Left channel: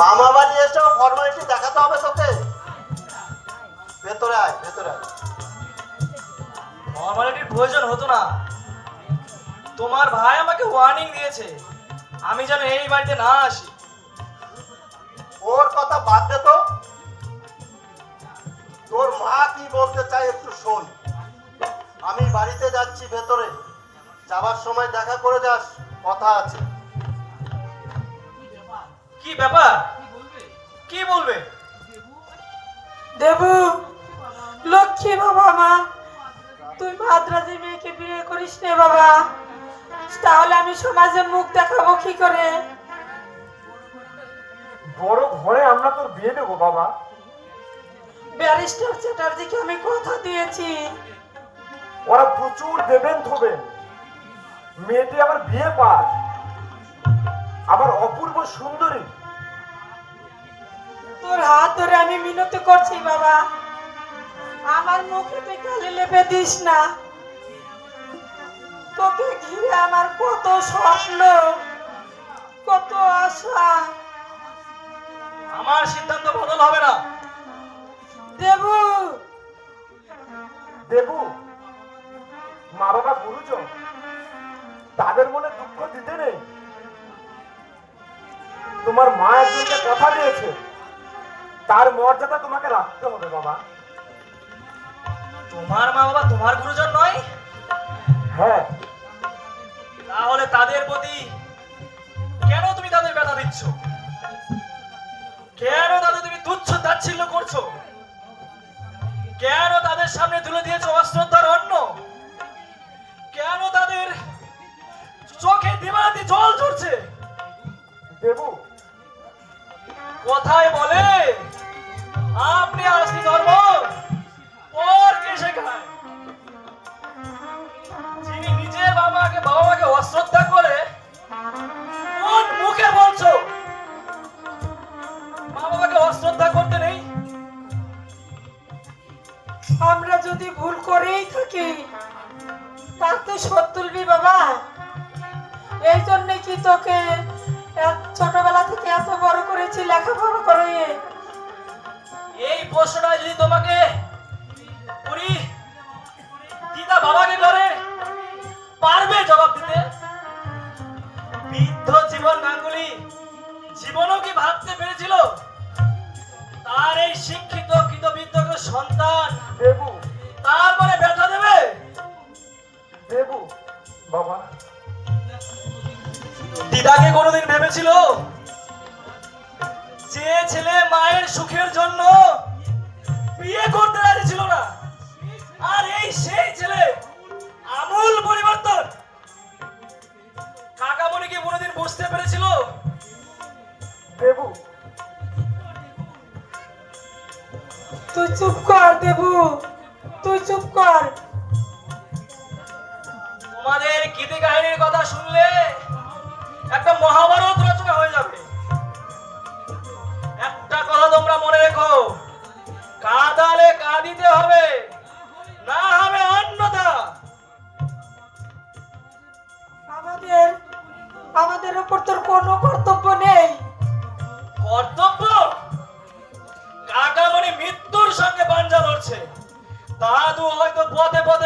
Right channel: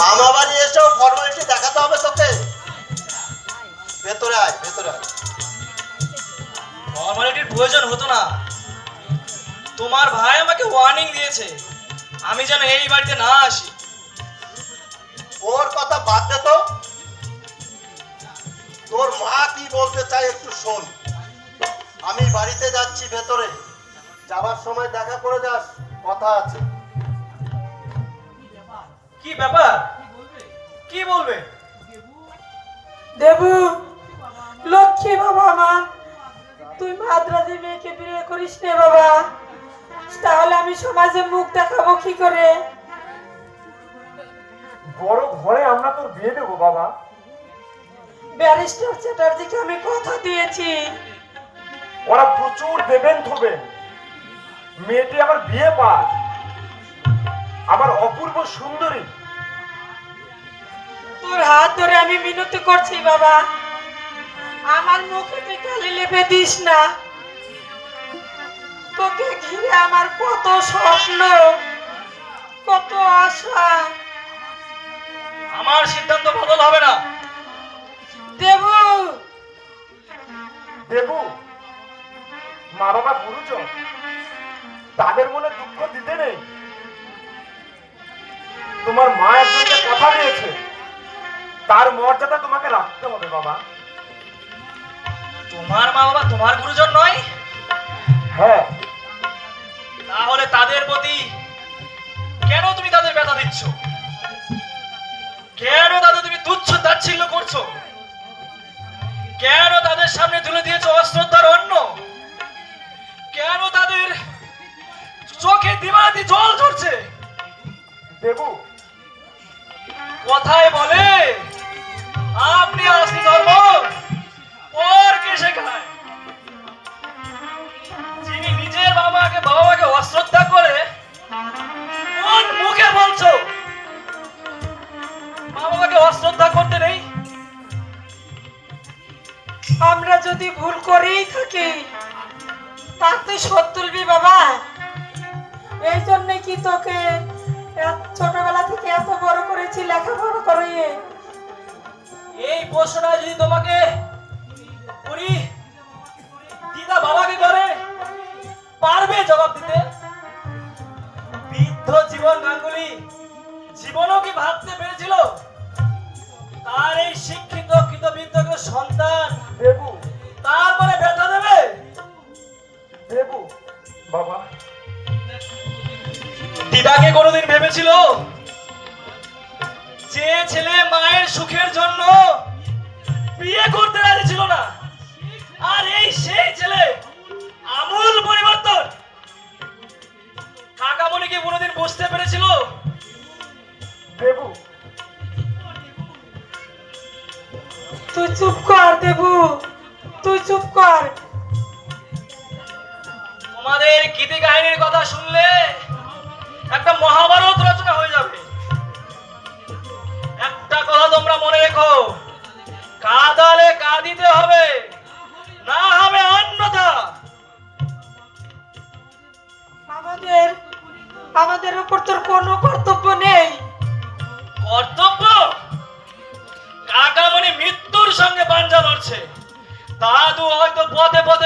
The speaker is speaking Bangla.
মামা বাড়ি এসেও ফর্মালিটি দেখাতে হবে তোকে। ভেতরে আয়, ভেতরে আয়। ফর্মালিটির প্রয়োজন হতো না। তোমার ভাই আমাকে ওয়ার্নিং দিয়েছে আমি যেন এই বাড়িতে না আসি। ওর কথা বাদ দে তো। তোর মা কি বলতে চাই একটু শোন। আমি বাড়িতে যাচ্ছি ভেতরে, যাওয়ার সময় দেখা করে যাস, কথা আছে। কি ব্যাপার? কি বলবে? দেবু, লক্ষ্মী বাবা আমার, তুই মাদ্রাজি মেয়েকে বিয়ে করিস নে বাবা, তাহলে আমি সমাজে মুখ দেখাবো কি করে? বড় ঘরে আমরা তোর বিয়ে দেবো বাবা। ব্যারিস্টার চ্যাটার্জিকে আমি কথা দিয়েছি। ওরা প্রচুর দেবেন থবেন, মেয়েটি আবার বিয়ে পাস, আবার অপূর্ব সুন্দরী। তোর হাত ধরে আমি মিনতি করছি বাবা, আমার মুখে তুই কালি লেপে দিস না। তোকে ঘিরে আমার কত স্বপ্ন, কত আশা। আমার সিদ্ধান্ত বদল হবে না। দেবু, দেবু, মা বাবা গুরুজন, তাদের মনে দুঃখ দিতে নেই। তোমার মা একজনকে কথা দিয়েছে, তার মর্যাদা তোমাকে রাখতে হবে বাবা। তোমার মা বাবা তোমার গুরুজন নয়? হ্যাঁ। তাহলে তাদের প্রতি কেন তুমি তাদের ব্যথা দিচ্ছ? কেন তাদের তুমি তুচ্ছ তাচ্ছিল্য করছো? কেন তাদের সামনে তুলে দিয়েছো অশ্রদ্ধার অন্ন? কেন তাদের চোখে দিবারাতি জল ঝরছে? দেবু, কথায় বলে আপনি আসলি ধর্ম পরকে শেখায়। যিনি নিজের বাবাকে অশ্রদ্ধা করে কোন মুখে বলছো বাবাকে অশ্রদ্ধা করতে নেই? আমরা যদি ভুল করেই থাকি তার তুই শোধ তুলবি বাবা। এই জন্য কি তোকে ছোটবেলা থেকে এত বড় করেছি, লেখাপড়া করে। এই প্রশ্নটা যদি তোমাকে করি, দিদা বাবাকে করে পারবে জবাব দিতে? বৃদ্ধ জীবন গাঙ্গুলি জীবনও কি ভাবতে পেরেছিল তার এই শিক্ষিত কৃতবিদ্ধ সন্তান দেবু, তারপরে ব্যথা দেবে? দেবু বাবা। দিদাকে কোনোদিন ভেবেছিল যে ছেলে মায়ের সুখের জন্য বিয়ে করতে রাজি ছিল না, আর এই সেই ছেলে আমূল পরিবর্তন? কাকামণি কি কোনোদিন বুঝতে পেরেছিল? দেবু, তুই চুপ কর দেবু, তুই চুপ কর। তোমাদের গীতি কাহিনীর কথা শুনলে একটা মহাভারত রচনা হয়ে যাবে। একটা কথা তোমরা মনে রেখো, কাঁদালে কাঁদিতে হবে, না হবে অন্যথা। আমাদের উপর তোর কোনো কর্তব্য নেই। কর্তব্য? কাকামণি মৃত্যুর সঙ্গে পাঞ্জা লড়ছে, দাদু হয়তো পথে পথে